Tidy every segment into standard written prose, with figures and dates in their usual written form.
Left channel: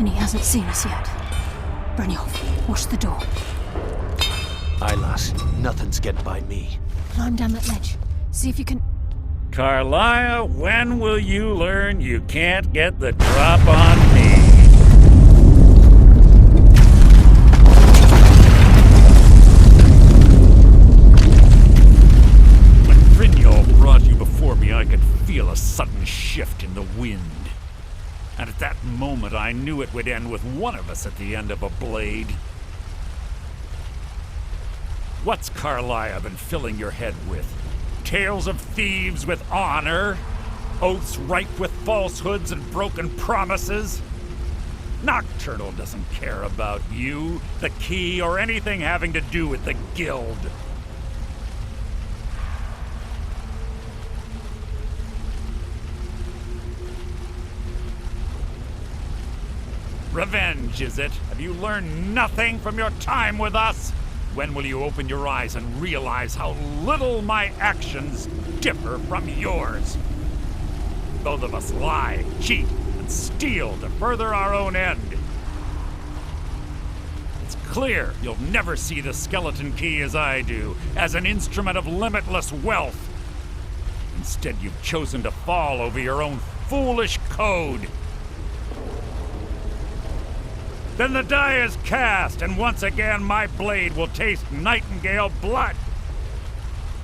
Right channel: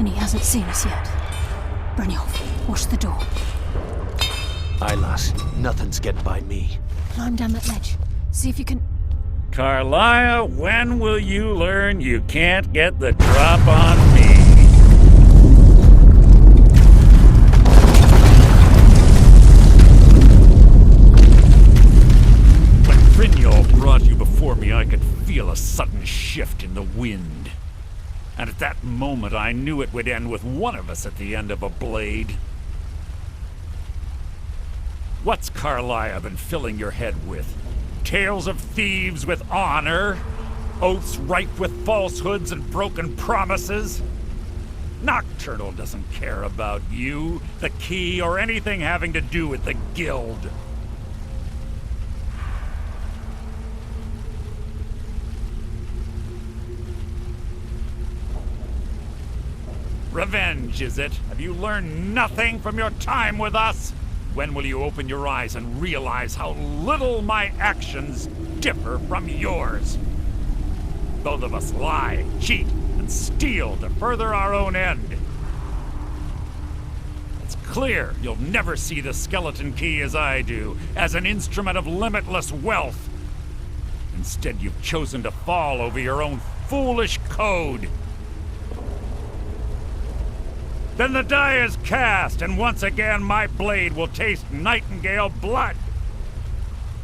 And he hasn't seen us yet. Brynjolf, watch the door. Aye, lass. Nothing's getting by me. Climb down that ledge. See if you can... Carlia, when will you learn you can't get the drop on me? When Brynjolf brought you before me, I could feel a sudden shift in the wind. And at that moment, I knew it would end with one of us at the end of a blade. What's Carlia been filling your head with? Tales of thieves with honor? Oaths ripe with falsehoods and broken promises? Nocturnal doesn't care about you, the key, or anything having to do with the guild. Revenge, is it? Have you learned nothing from your time with us? When will you open your eyes and realize how little my actions differ from yours? Both of us lie, cheat, and steal to further our own end. It's clear you'll never see the skeleton key as I do, as an instrument of limitless wealth. Instead, you've chosen to fall over your own foolish code. Then the die is cast, and once again my blade will taste nightingale blood.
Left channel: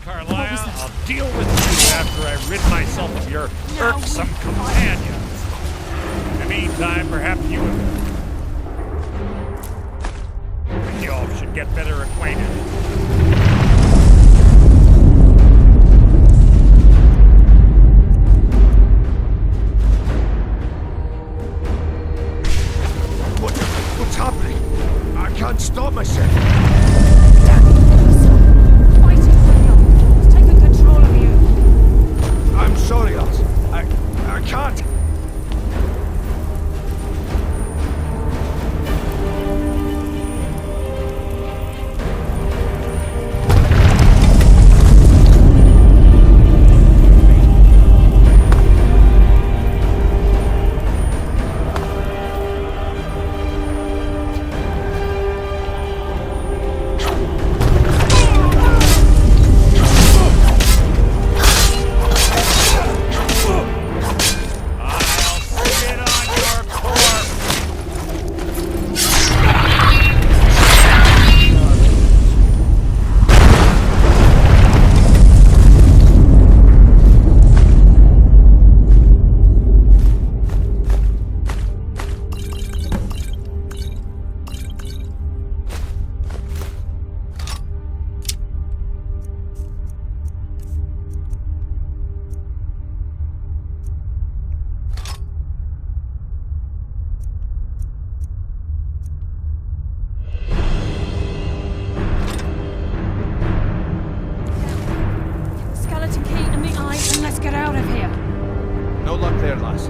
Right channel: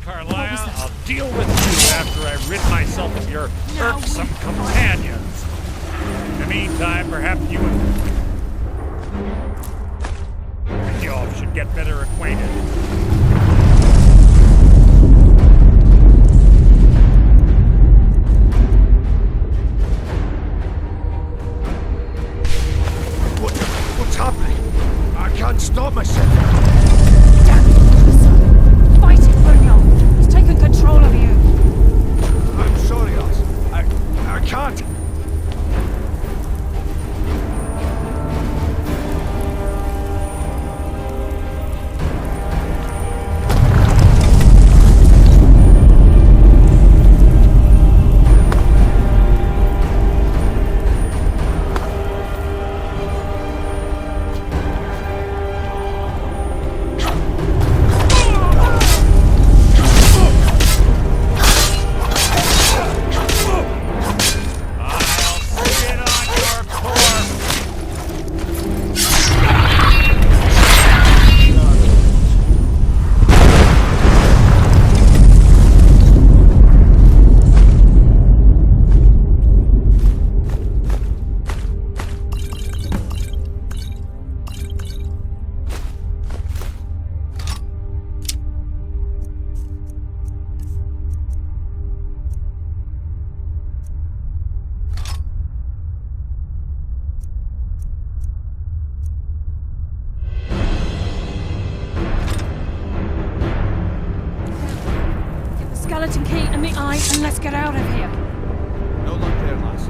Carlia, I'll deal with you after I rid myself of your irksome companions. In the meantime, perhaps you and Brynjolf should get better acquainted. What's happening? I can't stop myself. Damn it! Fight it, Brynjolf! He's taken control of you! I'm sorry, lass. I can't. Skeleton key in the eye, and let's get out of here. No luck there, lass.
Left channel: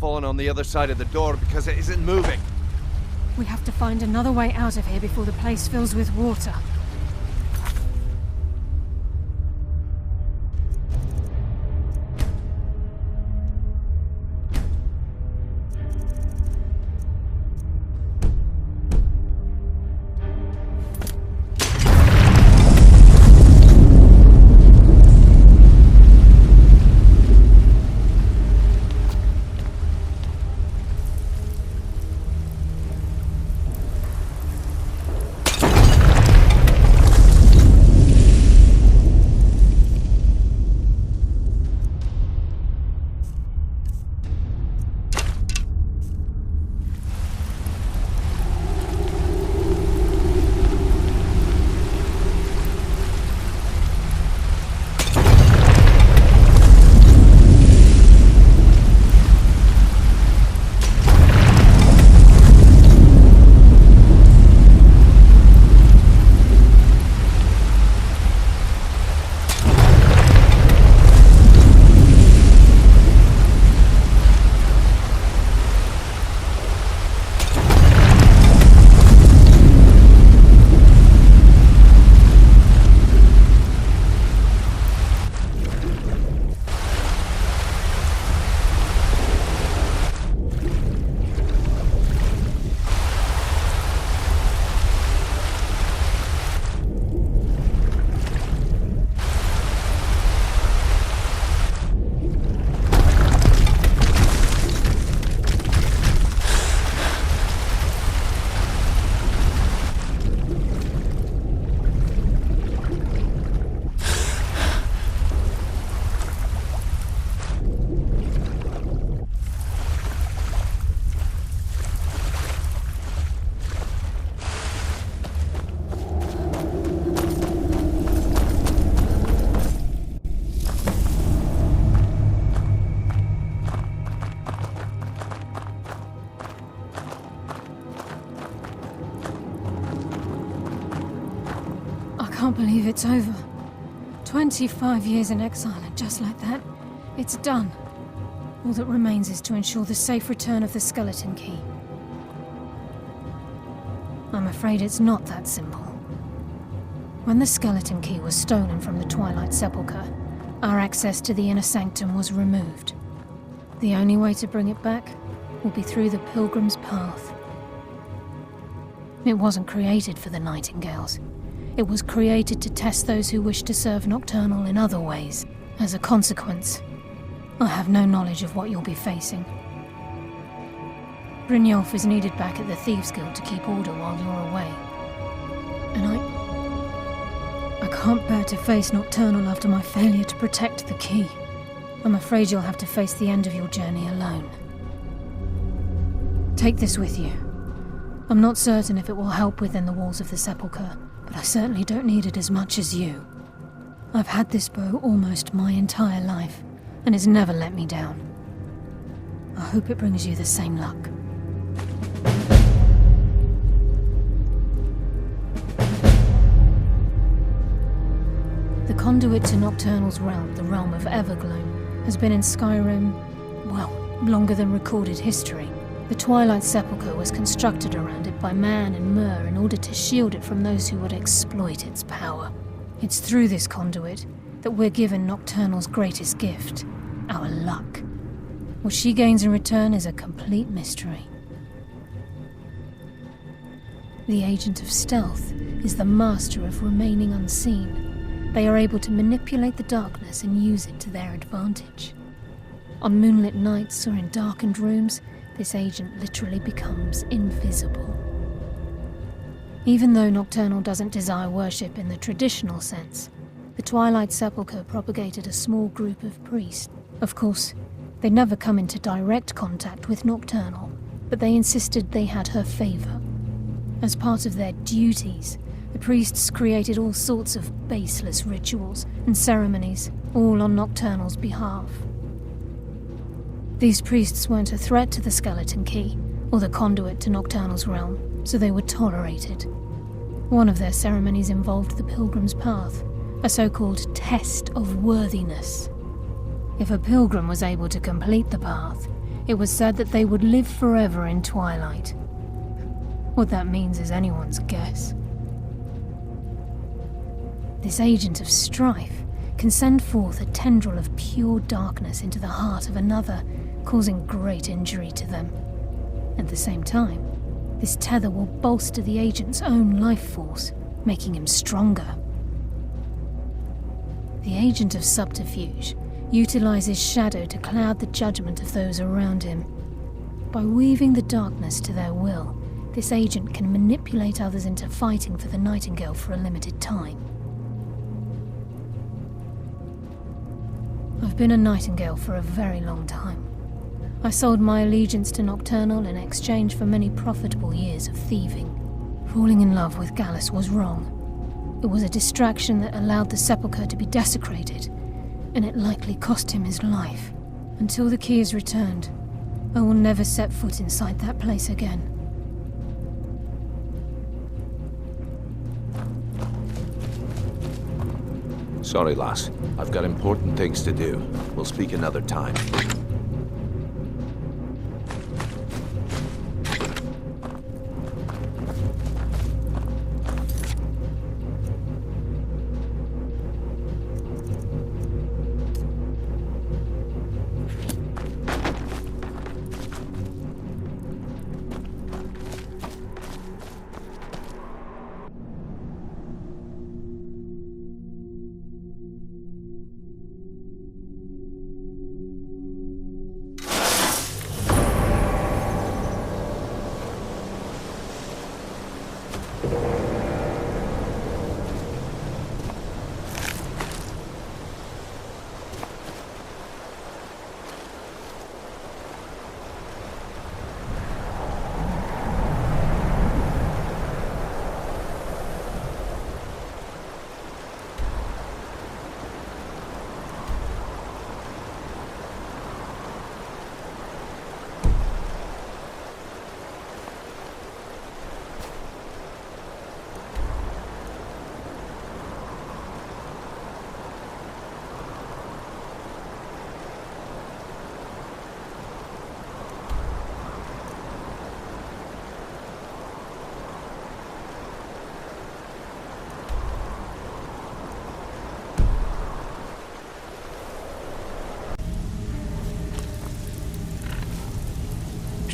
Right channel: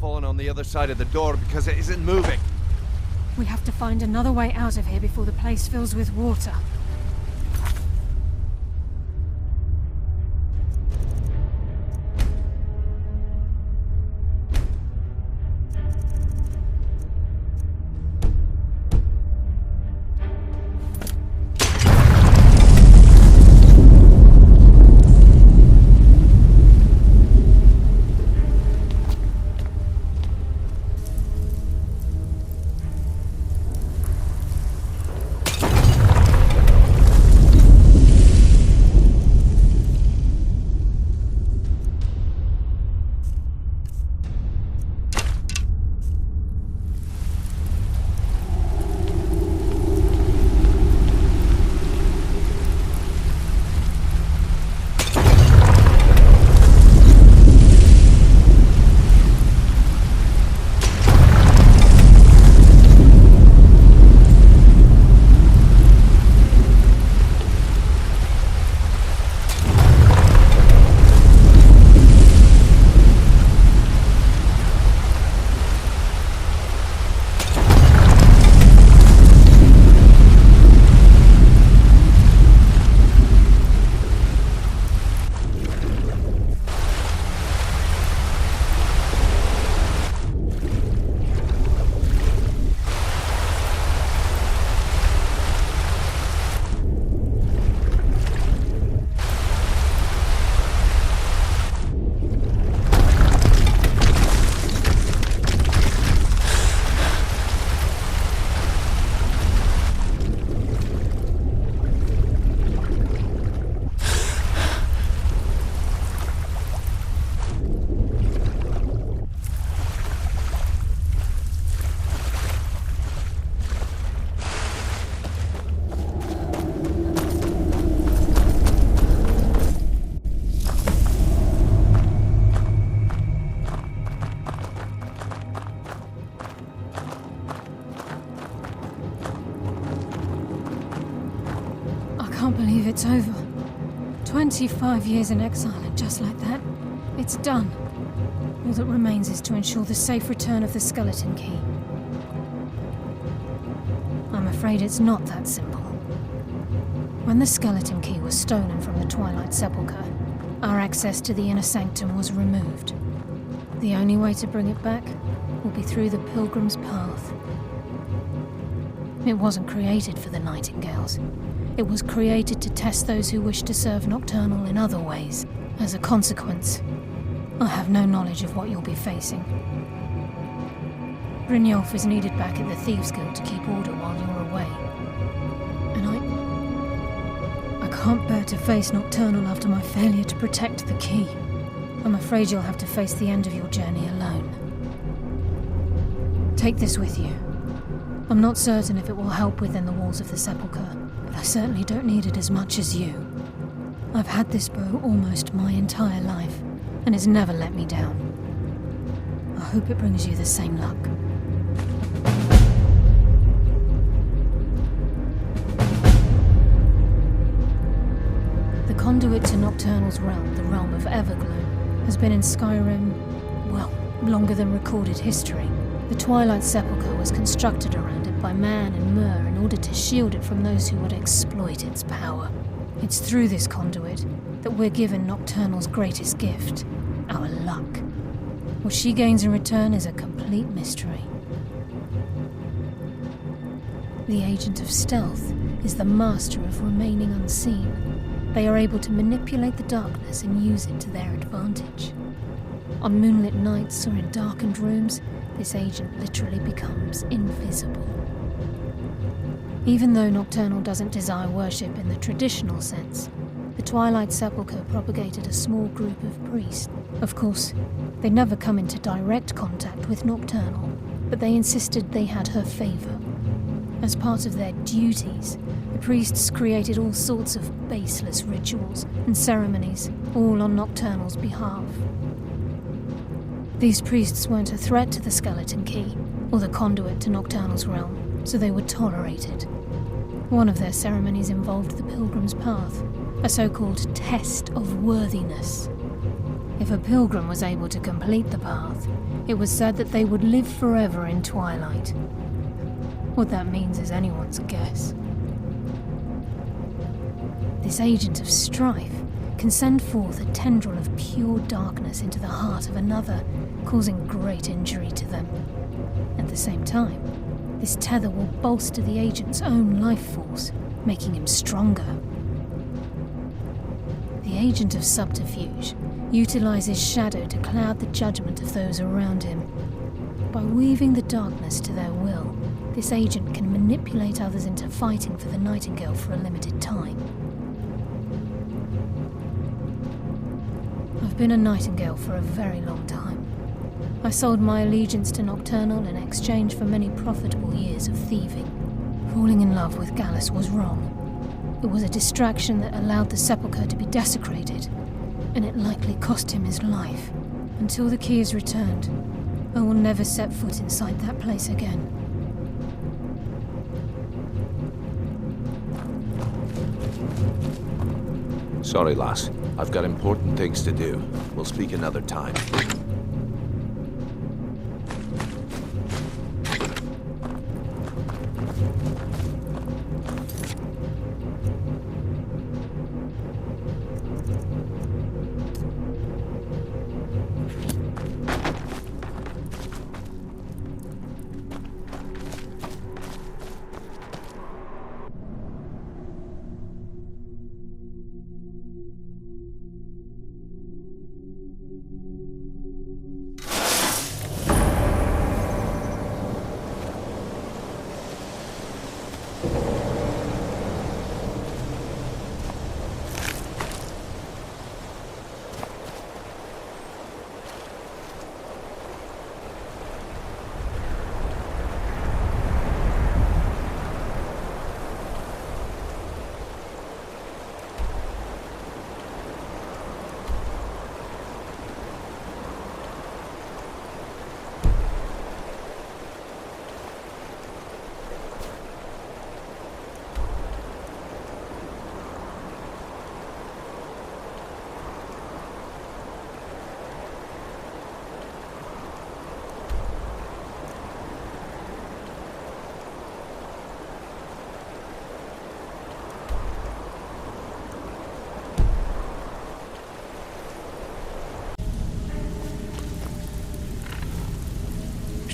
Fallen on the other side of the door because it isn't moving. We have to find another way out of here before the place fills with water. can't believe it's over. 25 years in exile, and just like that, it's done. All that remains is to ensure the safe return of the skeleton key. I'm afraid it's not that simple. When the skeleton key was stolen from the Twilight Sepulchre, our access to the inner sanctum was removed. The only way to bring it back will be through the Pilgrim's Path. It wasn't created for the Nightingales. It was created to test those who wish to serve Nocturnal in other ways. As a consequence, I have no knowledge of what you'll be facing. Brynjolf is needed back at the Thieves Guild to keep order while you're away. And I can't bear to face Nocturnal after my failure to protect the key. I'm afraid you'll have to face the end of your journey alone. Take this with you. I'm not certain if it will help within the walls of the Sepulchre, but I certainly don't need it as much as you. I've had this bow almost my entire life, and it's never let me down. I hope it brings you the same luck. The conduit to Nocturnal's realm, the realm of Everglow, has been in Skyrim, well, longer than recorded history. The Twilight Sepulchre was constructed around it by Man and Myr in order to shield it from those who would exploit its power. It's through this conduit that we're given Nocturnal's greatest gift, our luck. What she gains in return is a complete mystery. The Agent of Stealth is the master of remaining unseen. They are able to manipulate the darkness and use it to their advantage. On moonlit nights or in darkened rooms, this agent literally becomes invisible. Even though Nocturnal doesn't desire worship in the traditional sense, the Twilight Sepulchre propagated a small group of priests. Of course, they never come into direct contact with Nocturnal, but they insisted they had her favor. As part of their duties, the priests created all sorts of baseless rituals and ceremonies, all on Nocturnal's behalf. These priests weren't a threat to the skeleton key, or the conduit to Nocturnal's realm, so they were tolerated. One of their ceremonies involved the Pilgrim's Path, a so-called test of worthiness. If a pilgrim was able to complete the path, it was said that they would live forever in Twilight. What that means is anyone's guess. This agent of strife can send forth a tendril of pure darkness into the heart of another, causing great injury to them. At the same time, this tether will bolster the agent's own life force, making him stronger. The agent of subterfuge utilizes shadow to cloud the judgment of those around him. By weaving the darkness to their will, this agent can manipulate others into fighting for the Nightingale for a limited time. I've been a Nightingale for a very long time. I sold my allegiance to Nocturnal in exchange for many profitable years of thieving. Falling in love with Gallus was wrong. It was a distraction that allowed the Sepulchre to be desecrated, and it likely cost him his life. Until the key is returned, I will never set foot inside that place again. Sorry, lass. I've got important things to do. We'll speak another time.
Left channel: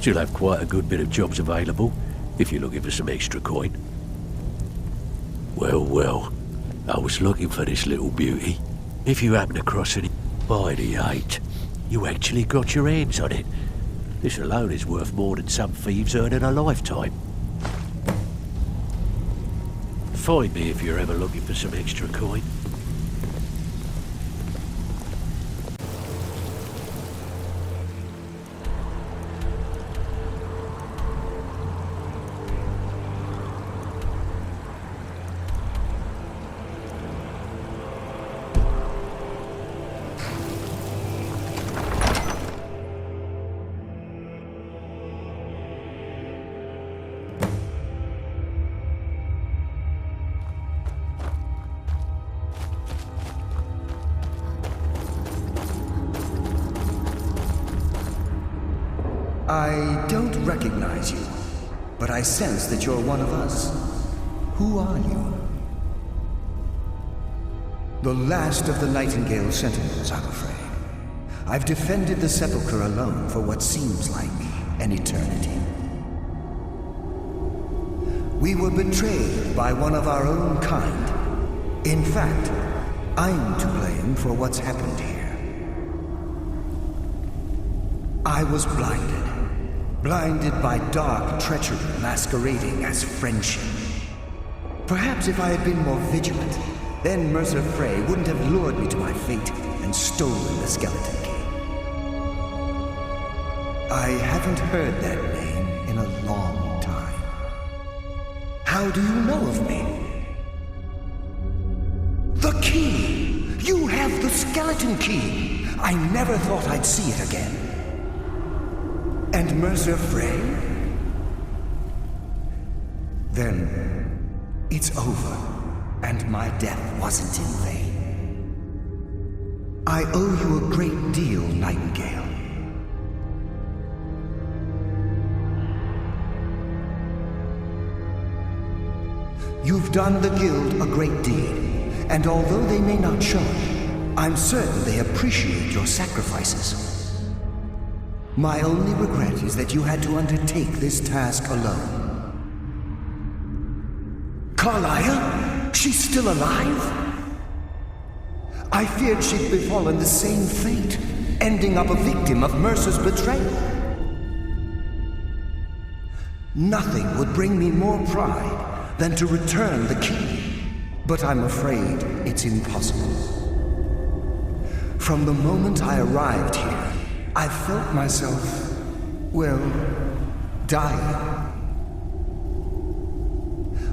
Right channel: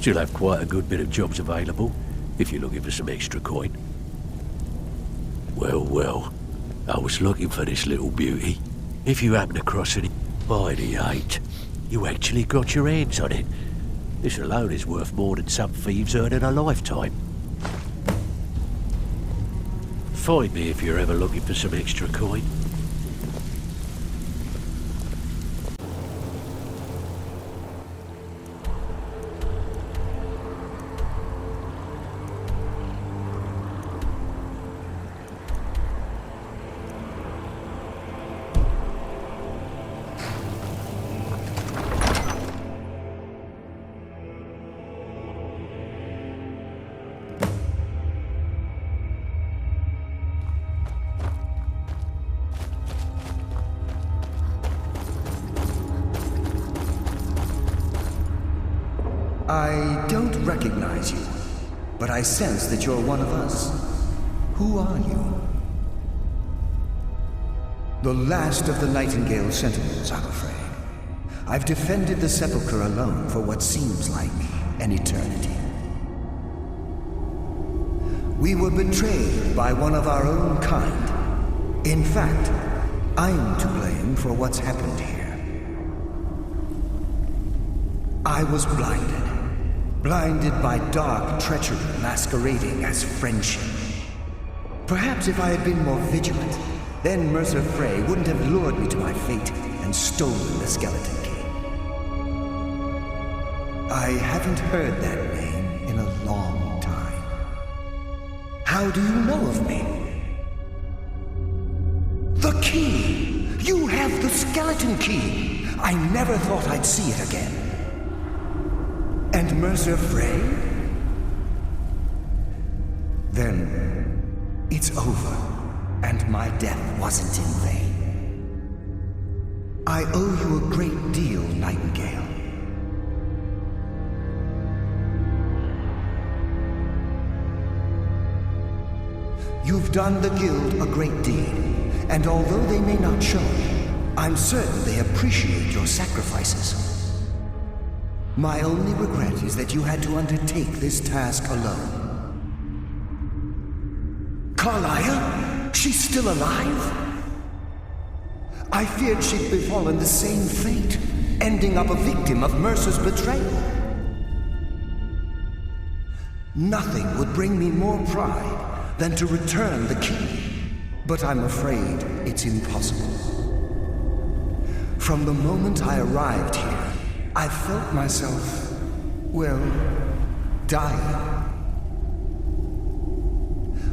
Still have quite a good bit of jobs available, if you're looking for some extra coin. Well, well, I was looking for this little beauty. If you happen across any by the 8, you actually got your hands on it. This alone is worth more than some thieves earn in a lifetime. Find me if you're ever looking for some extra coin. I don't recognize you, but I sense that you're one of us. Who are you? The last of the Nightingale Sentinels, I'm afraid. I've defended the Sepulchre alone for what seems like an eternity. We were betrayed by one of our own kind. In fact, I'm to blame for what's happened here. I was blinded by dark treachery masquerading as friendship. Perhaps if I had been more vigilant, then Mercer Frey wouldn't have lured me to my fate and stolen the Skeleton Key. I haven't heard that name in a long time. How do you know of me? The key! You have the Skeleton Key! I never thought I'd see it again. And Mercer Frey? Then it's over, and my death wasn't in vain. I owe you a great deal, Nightingale. You've done the Guild a great deed, and although they may not show it, I'm certain they appreciate your sacrifices. My only regret is that you had to undertake this task alone. Carlia? She's still alive? I feared she'd befallen the same fate, ending up a victim of Mercer's betrayal. Nothing would bring me more pride than to return the key, but I'm afraid it's impossible. From the moment I arrived here, I felt myself, well, dying.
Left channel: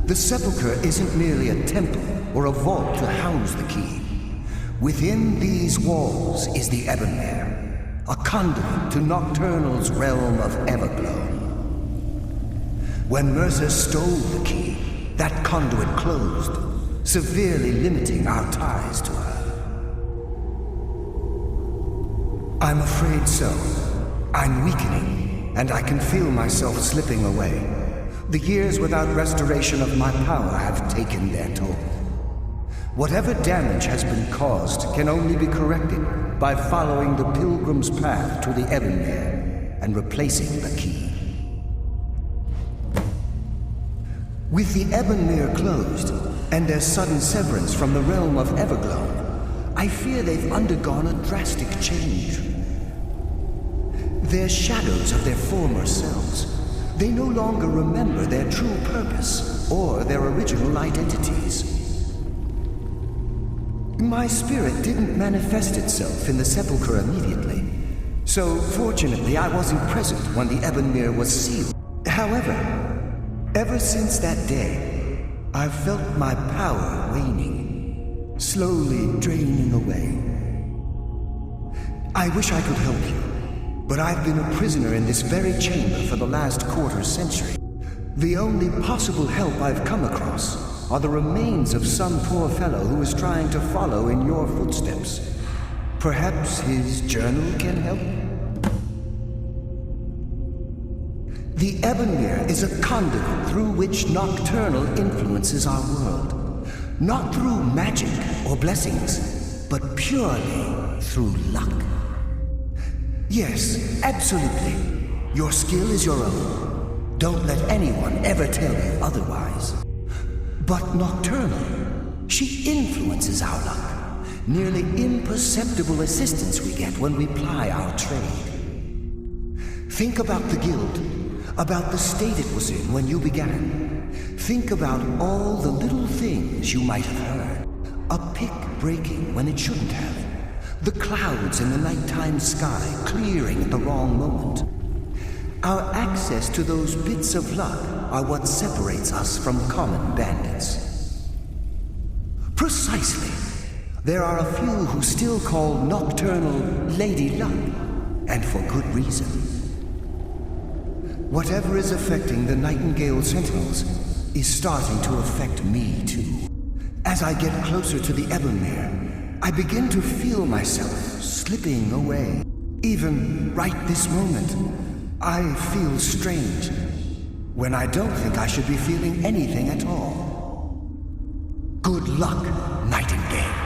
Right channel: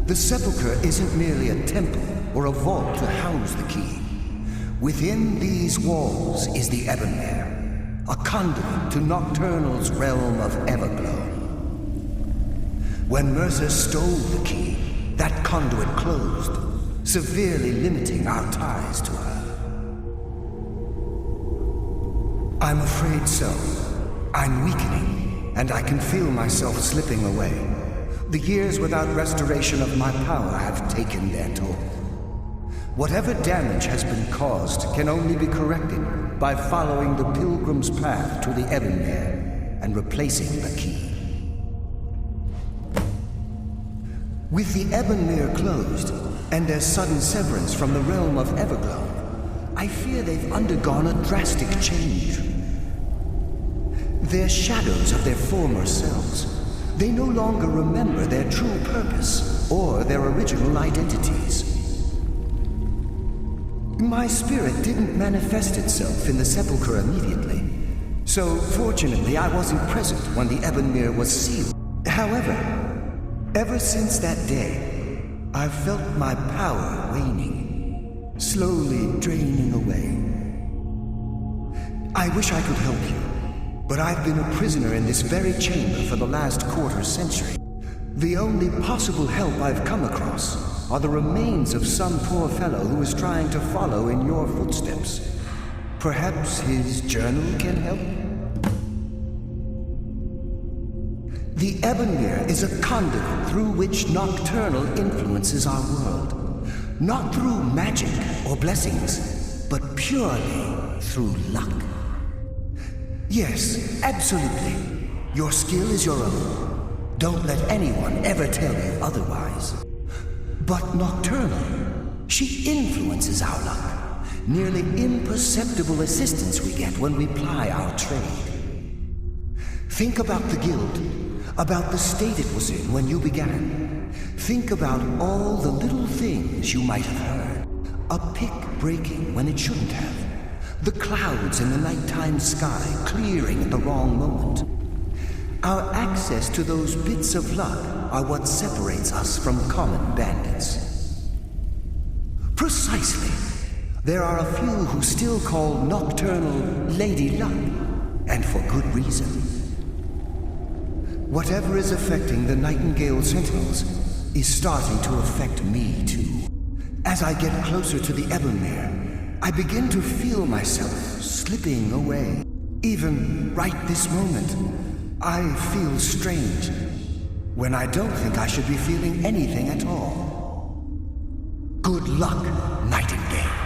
The Sepulchre isn't merely a temple or a vault to house the key. Within these walls is the Ebonmere, a conduit to Nocturnal's realm of Everglow. When Mercer stole the key, that conduit closed, severely limiting our ties to her. I'm afraid so. I'm weakening, and I can feel myself slipping away. The years without restoration of my power have taken their toll. Whatever damage has been caused can only be corrected by following the Pilgrim's path to the Ebonmere and replacing the key. With the Ebonmere closed, and their sudden severance from the realm of Everglow, I fear they've undergone a drastic change. They're shadows of their former selves. They no longer remember their true purpose or their original identities. My spirit didn't manifest itself in the Sepulchre immediately, so fortunately I wasn't present when the Ebonmere was sealed. However, ever since that day, I've felt my power waning, slowly draining away. I wish I could help you, but I've been a prisoner in this very chamber for the last quarter century. The only possible help I've come across are the remains of some poor fellow who is trying to follow in your footsteps. Perhaps his journal can help? The Ebonmere is a conduit through which Nocturnal influences our world. Not through magic or blessings, but purely through luck. Yes, absolutely. Your skill is your own. Don't let anyone ever tell you otherwise. But Nocturnal, she influences our luck. Nearly imperceptible assistance we get when we ply our trade. Think about the guild, about the state it was in when you began. Think about all the little things you might have heard. A pick breaking when it shouldn't have. The clouds in the nighttime sky clearing at the wrong moment. Our access to those bits of luck are what separates us from common bandits. Precisely. There are a few who still call Nocturnal Lady Luck, and for good reason. Whatever is affecting the Nightingale Sentinels is starting to affect me too. As I get closer to the Ebonmere, I begin to feel myself slipping away. Even right this moment, I feel strange, when I don't think I should be feeling anything at all. Good luck, Nightingale.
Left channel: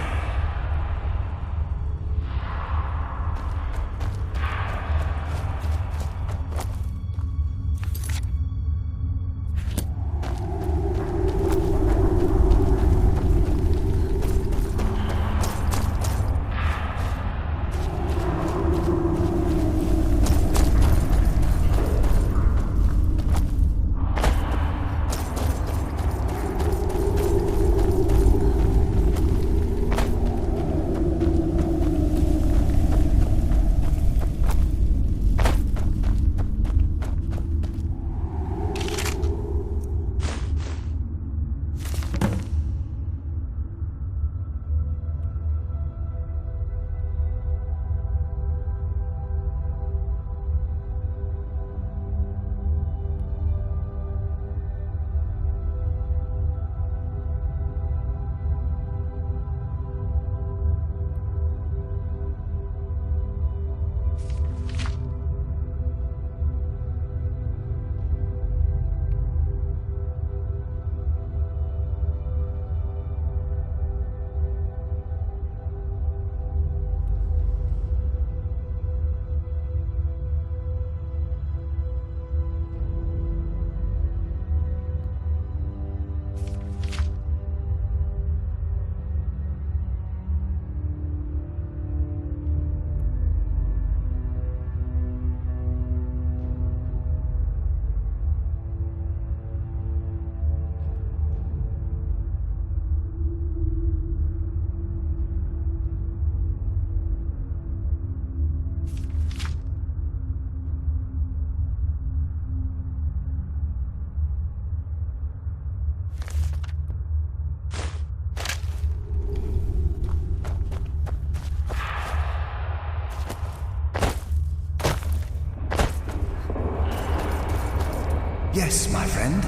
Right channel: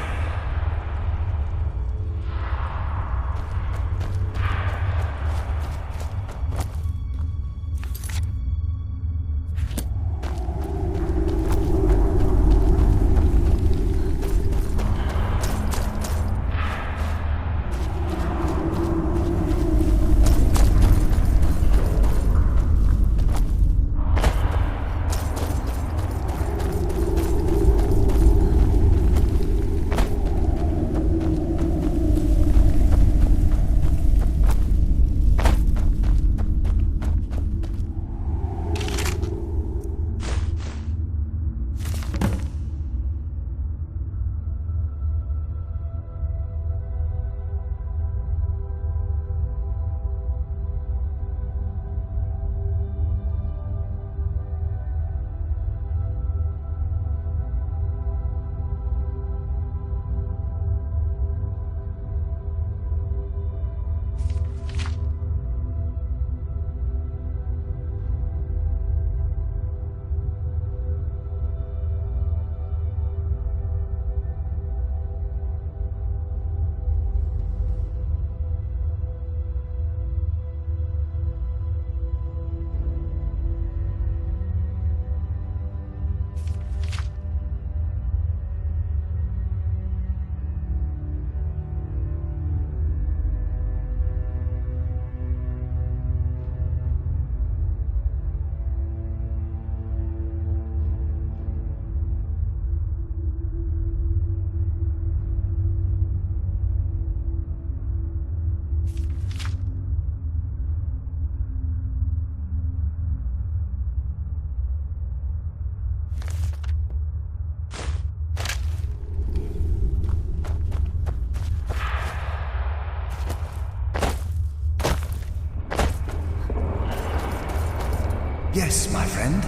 Yes, my friend.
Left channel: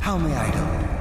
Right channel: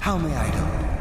How may I help?